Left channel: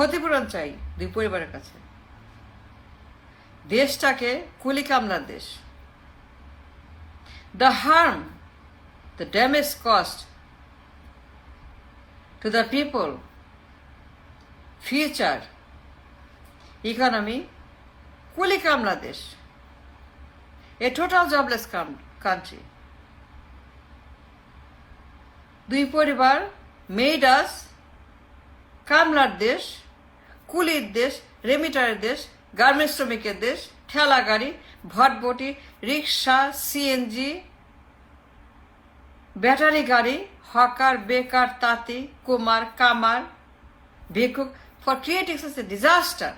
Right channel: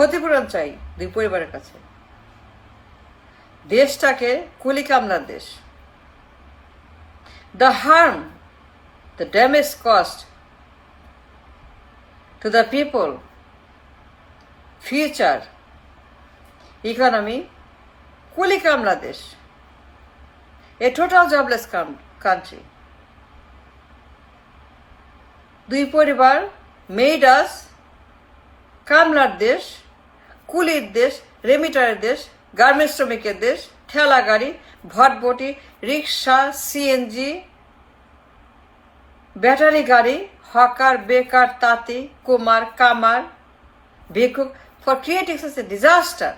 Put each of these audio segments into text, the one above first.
ক্ষতিপূরণ চাই দুই পরিবারের কাছে। দেশটাকে কুলি কামলার দেশ। The harm, the damage caused to the people, future, economy, কুলি কামলা দেশ, a total jobless country. দুই পরিবার made us কামলার দেশ, কুলির দেশ, রেমিটারের দেশ, গার্মেন্টস শ্রমিকের দেশ, ঠেলা গাড়ি, ভটভটি, রিক্সা, সিএনজি, ব্যাটারি গাড়ি, হকার, বেকার, তাঁতি, কুমার, কামার, ভিক্ষুক, for creating such a disaster.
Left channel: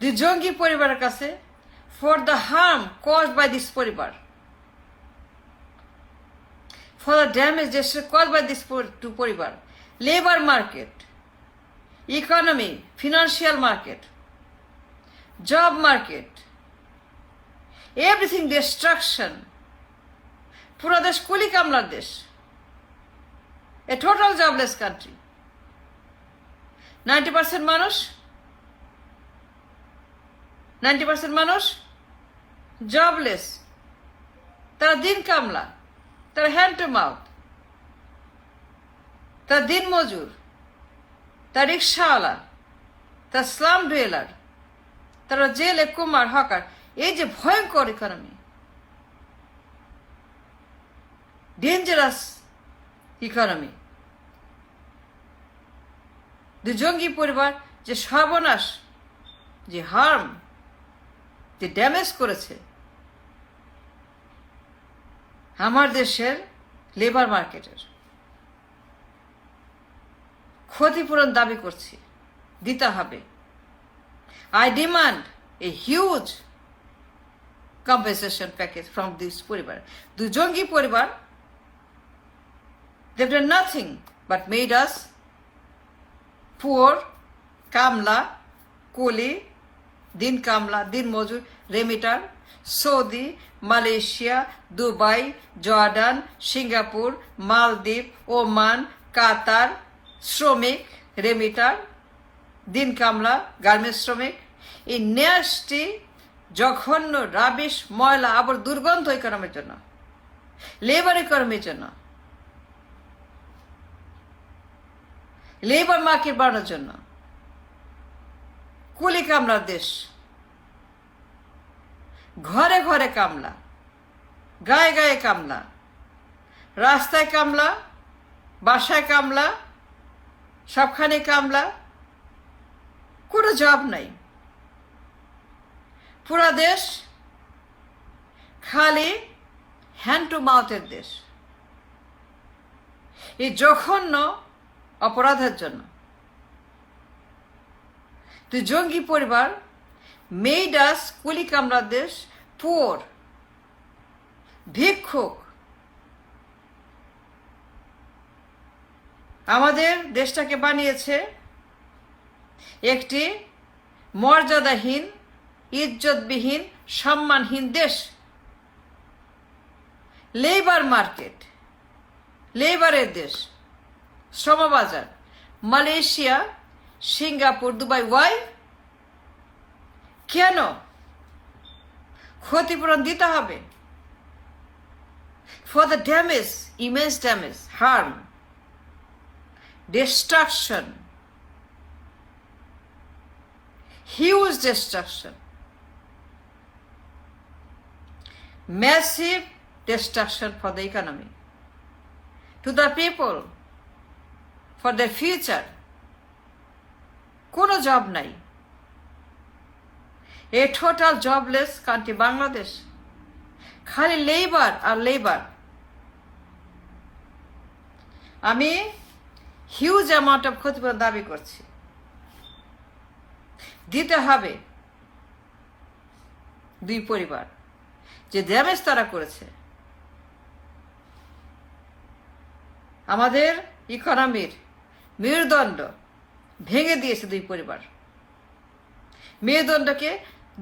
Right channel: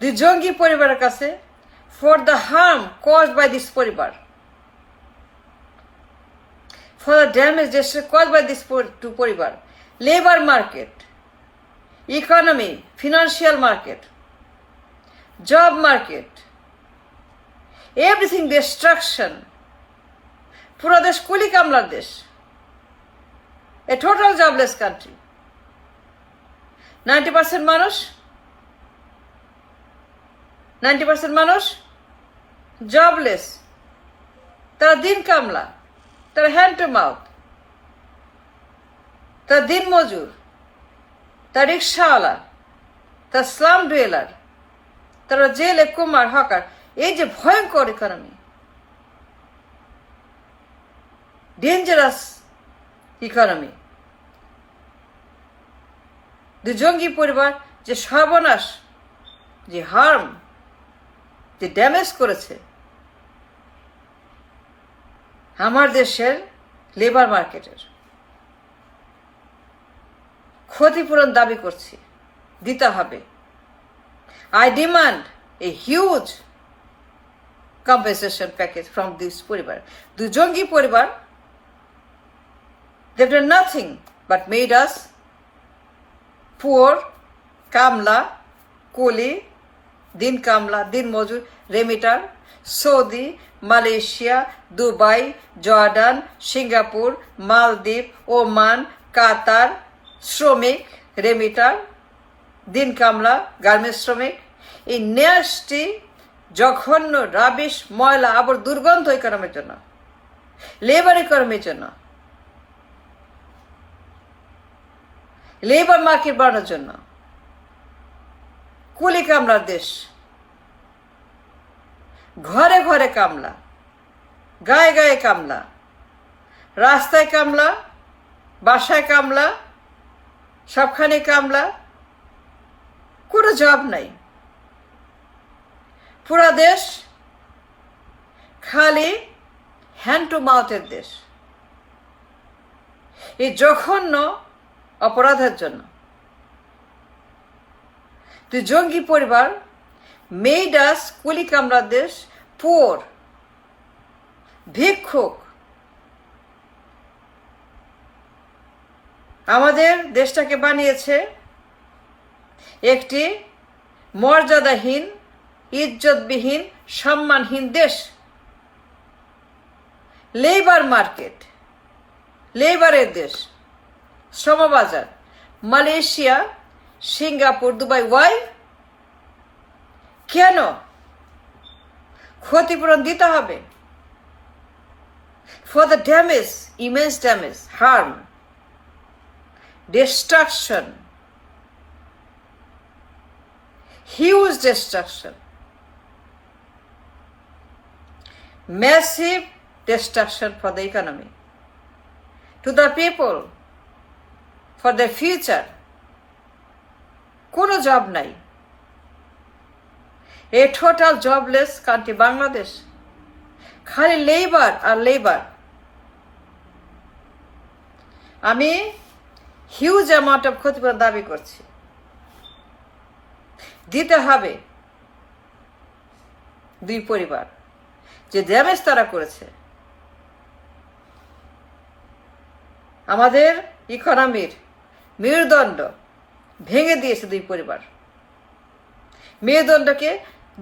দুই জঙ্গি পরিবারের কাছে for the harm caused by this পরিবার, for the damage caused by this two পরিবার, labor market, economy, financial market, job market, everything destruction. পুরো দেশ কুলি কামলার দেশ, a total jobless country. 90% মানুষ জবলেস, তারা দিন কামলা, তারা হ্যান্ড টু মাউথ, তারা দিন মজুর, তারা রিক্সাওয়ালা, তারা স্লাম ডুয়েলার, তারা জেলে, কুমার, হকার। এই যে ভয়ঙ্কর ইকোনমি, ডেঞ্জারাস ইকোনমি, দুই জঙ্গি পরিবার যে সর্বনাশ, যে হার্ম, যে ড্যামেজ করেছে আমার দেশের লেবার মার্কেটের, ক্ষতিপূরণ দাবি করছি, দিতে হবে। I demand a huge compensation package from this পরিবার। দুই জঙ্গি পরিবার, they've done nothing but made us poor, কামলা, কুলি, দিন কামলা, দিন মজুর, remitter, Saudi, Malaysia, Dubai, Jordan, Singapore, মালদ্বীপ, ওমান, কাতার, শ্রমিক, রেমিটার, দিন কামলা, গার্মেন্টস শ্রমিক। এই ন্যাস্টি, জঘন্য, রাবিশ, ময়লা, আবার দুর্গন্ধ ইকোনমির জন্য, লেবার ইকোনমির জন্য, লেবার মার্কেট বাড়ানোর জন্য, কুলি কামলার দেশ, ঘরে ঘরে কামলা, গায়ে গায়ে কামলা, রাস্তায় কামলা, বাসায় কামলা, সবখানে কামলা, কোনো জব নাই। পুরা দেশ খালি হ্যান্ড টু মাউথের দেশ। এই জঘন্য অপরাধের জন্য দুই জঙ্গি পরিবার মেড আস কুলি কামলা দেশ, পুয়ার, ভিক্ষুক। আমাদের দেশটাকে বানিয়েছে একটি মর্যাদাহীন, ইজ্জতবিহীন, সম্মানহীন দেশ। লেবার মার্কেট, লেবারের দেশ, শ্রমবাজার, মালয়েশিয়া, সিঙ্গাপুর, দুবাই। ওয়াই? কেন? ক্ষতিপূরণ দিতে হবে for the damage, immense damage, harm, destruction, huge destruction, massive destruction for the economy, to the people, for their future. কোনো জব নাই, a total jobless country Bangladesh. খালি labour আর labour. আমি huge amount of ক্ষতিপূরণ দাবি করছি, দিতে হবে দুই পরিবার যে ড্যামেজ তারা করেছে। আমাদের ইকোনমির মেরুদণ্ড ভেঙে দিয়েছে দুই পরিবার। মেরুদণ্ডকে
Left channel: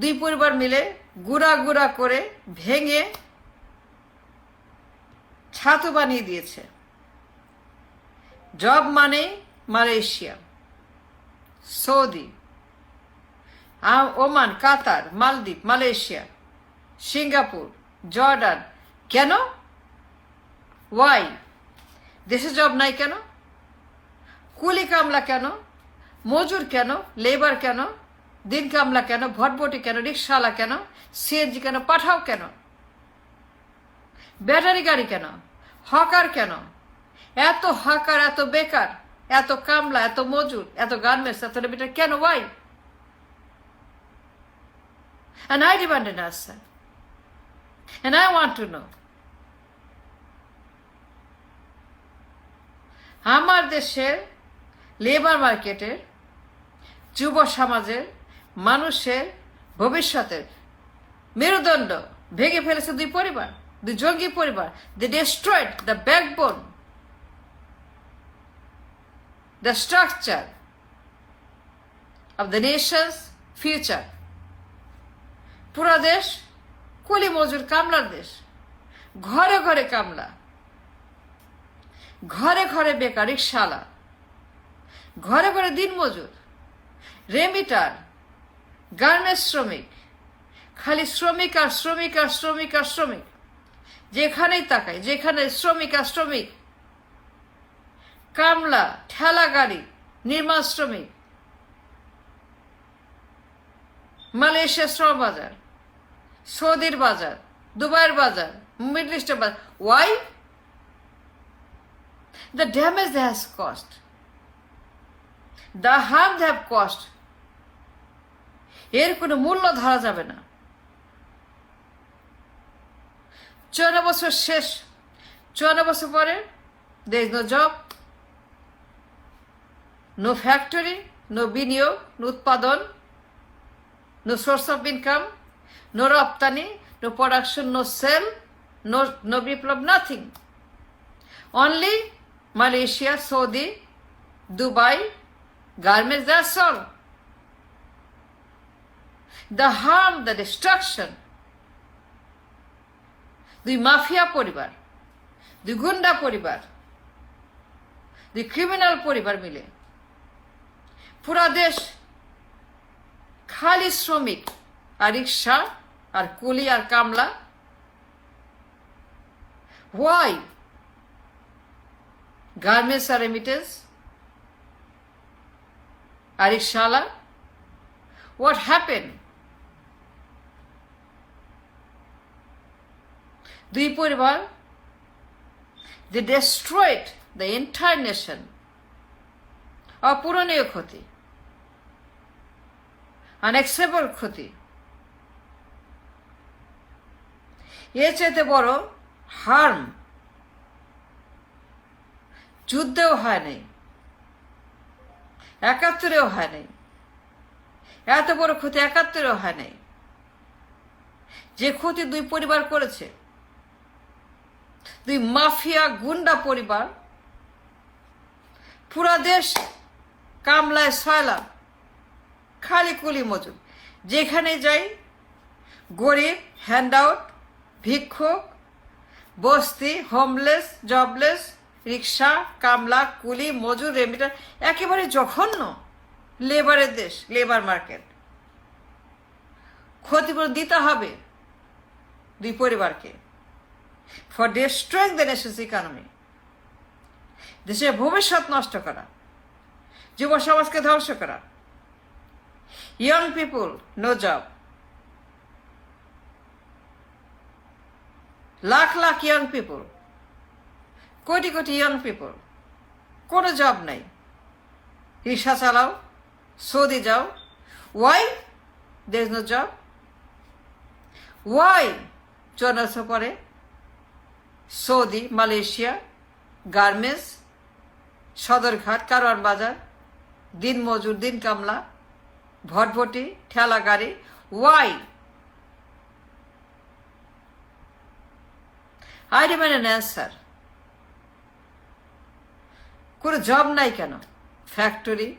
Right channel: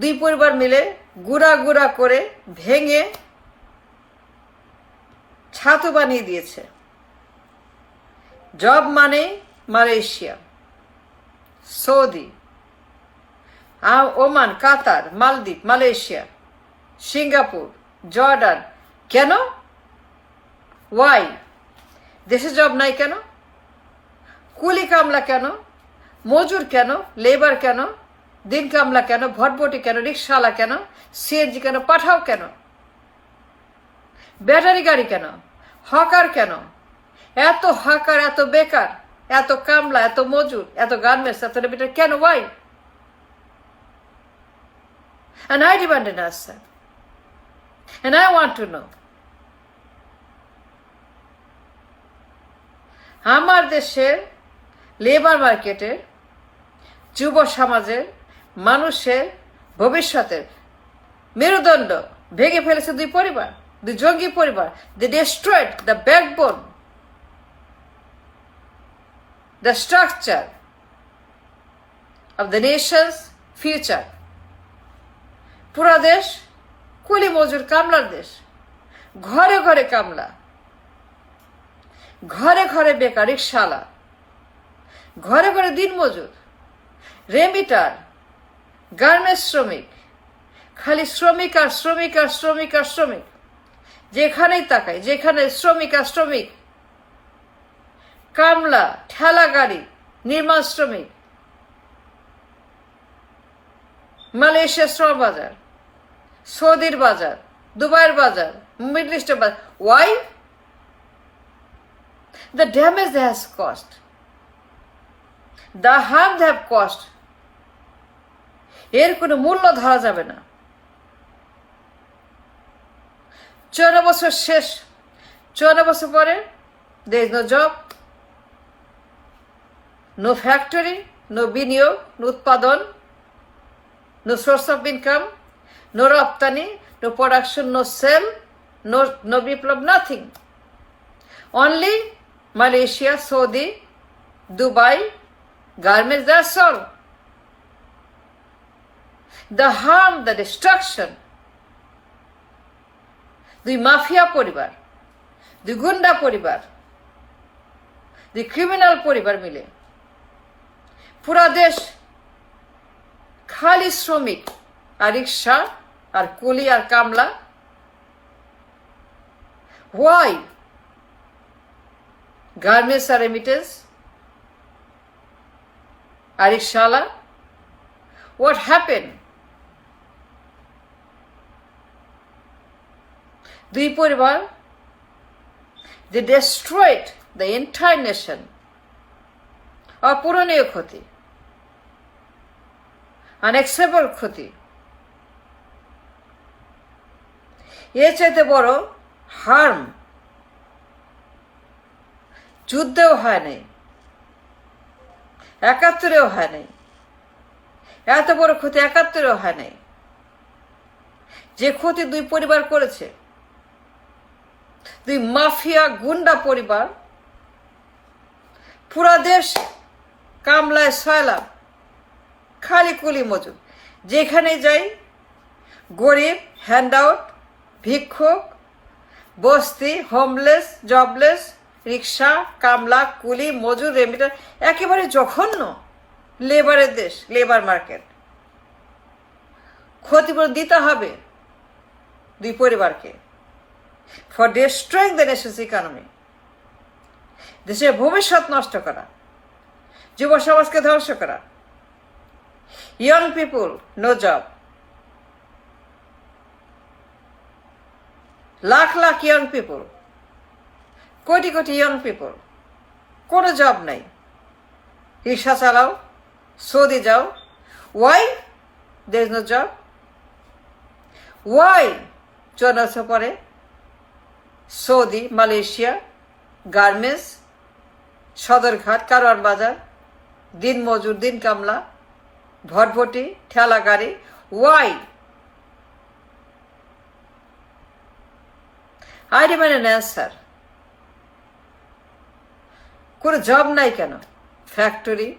দুই পরিবার মিলে গুড়া গুড়া করে ভেঙে ছাতু বানিয়ে দিয়েছে। জব মানে মালয়েশিয়া, সৌদি, ওমান, কাতার, মালদ্বীপ, মালয়েশিয়া, সিঙ্গাপুর, জর্ডান। কেন? ওয়াই? দেশে জব নাই কেন? কুলি কামলা কেন? মজুর কেন? লেবার কেন? দিন কামলা কেন? ভটভটি কেন? রিক্সাওয়ালা কেন? সিএনজি কেন? পাঠাও কেন? ব্যাটারি গাড়ি কেন? হকার কেন? এত হকার, এত বেকার, এত কামলা, এত মজুর, এত গার্মেন্টস, এত লেবার কেন? Y? And I demand an answer. And I want to know. আমার দেশের লেবার মার্কেটের, যুব সমাজের, মানুষের ভবিষ্যতের মেরুদণ্ড ভেঙে ফেলেছে দুই পরিবার, দুই জঙ্গি পরিবার। They destroyed the backbone, the structure of the nation's future. পুরা দেশ কুলি মজুর কামলার দেশ। ঘরে ঘরে কামলা, ঘরে ঘরে বেকার রিক্সাওয়ালা, ঘরে ঘরে দিন মজুর, রেমিটার, গার্মেন্টস শ্রমিক। খালি শ্রমিক আর শ্রমিক আর শ্রমিক আর শ্রমিক। যেখানেই তাকাই, যেখানে শ্রমিক আর শ্রমিক। কামলা, ঠেলা গাড়ি, নির্মাণ শ্রমিক, মালয়েশিয়ার শ্রম বাজার, সৌদির বাজার, দুবাইয়ের বাজার, মিডল ইস্টের বাজার। Y? The damage they has caused, the harm they have caused, এর কোনো মূল্য ধরা যাবে না। 54 বছর শেষ, 54 বছর পরে there is no job, no factory, no বিনিয়োগ, no উৎপাদন, no source of income, no রপ্তানি, no production, no sale, no Biplab, nothing. Only Malaysia, Saudi, Dubai, garments, that's all. The harm, the destruction. দুই mafia পরিবার, দুই গুন্ডা পরিবার, দুই criminal পরিবার মিলে পুরা দেশ খালি শ্রমিক আর রিক্সা আর কুলি আর কামলা। Why? Garments are remittance, আর রিক্সাওয়ালা। What happened? দুই পরিবার, they destroyed the entire nation. অপূরণীয় ক্ষতি, আনএক্সেপ্টেবল ক্ষতি। এর চাইতে বড় হার্ম যুদ্ধেও হয় নাই, 71-এও হয় নাই। এত বড় ক্ষতি 71-এও হয় নাই। যে ক্ষতি দুই পরিবার করেছে, দুই মাফিয়া গুন্ডা পরিবার, পুরা দেশ কামলায় সয়লা, খালি কুলি মজুর। যেখানে যাই গরিব, হ্যান্ডআউট, ভিক্ষুক, বস্তি, হোমলেস, জবলেস, রিক্সা, কামলা, কুলি, মজুর, রেমিটার। একেবারে জঘন্য লেবারের দেশ, লেবার মার্কেট। ক্ষতিপূরণ দিতে হবে দুই পরিবারকে for destroying the nation's economy. দেশের ভবিষ্যৎ নষ্ট করা, যুব সমাজকে ধ্বংস করা। Young people, no job. Lakh lakh young people, কোটি কোটি ইয়ং পিপুল, কোনো জব নাই। রিক্সা চালাও, সৌদি যাও। Why? there is no job. Why? 54 বছর পরে Saudi, Malaysia, garments, Sadarghat, Karwan Bazar, দিন মজুর, দিন কামলা, ভটভটি, ঠেলা গাড়ি। Why? I demand an answer. কোনো জব নাই কেন? ফ্যাক্টরি,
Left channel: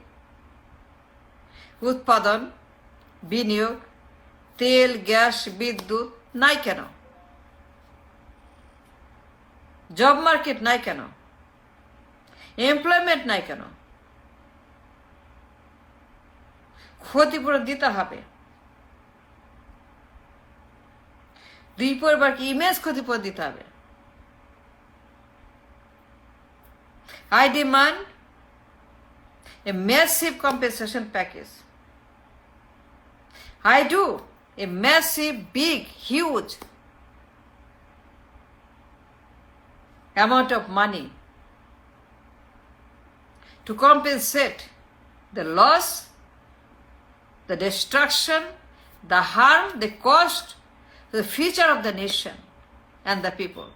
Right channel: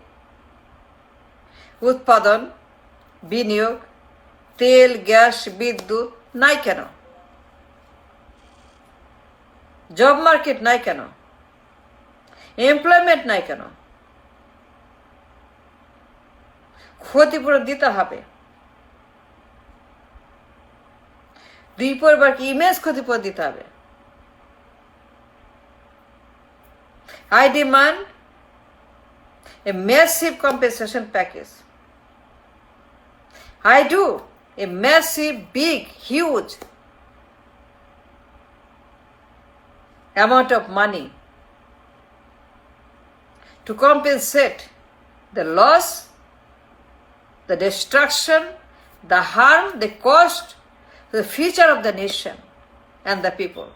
উৎপাদন, বিনিয়োগ, তেল, গ্যাস, বিদ্যুৎ নাই কেন? জব মার্কেট নাই কেন? এমপ্লয়মেন্ট নাই কেন? ক্ষতিপূরণ দিতে হবে। দুই পরিবারকে ইমেজ ক্ষতিপূরণ দিতে হবে। I demand a massive compensation package. I do a massive, big, huge amount of money to compensate the loss, the destruction, the harm, the cost to the future of the nation and the people.